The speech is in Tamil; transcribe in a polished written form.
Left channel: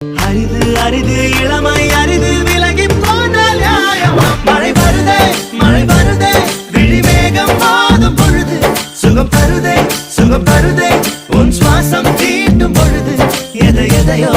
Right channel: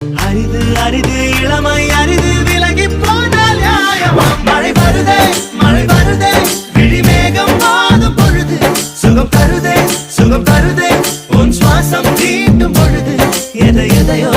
அரிது அரிது இளமை அரிது விலகி போனால் நியாயமா? மழை வருதே விழிமேகம் வாதும் பொழுது சுகம் தருதே உன் சுவாசம் தீட்டும் பொழுது எதையோ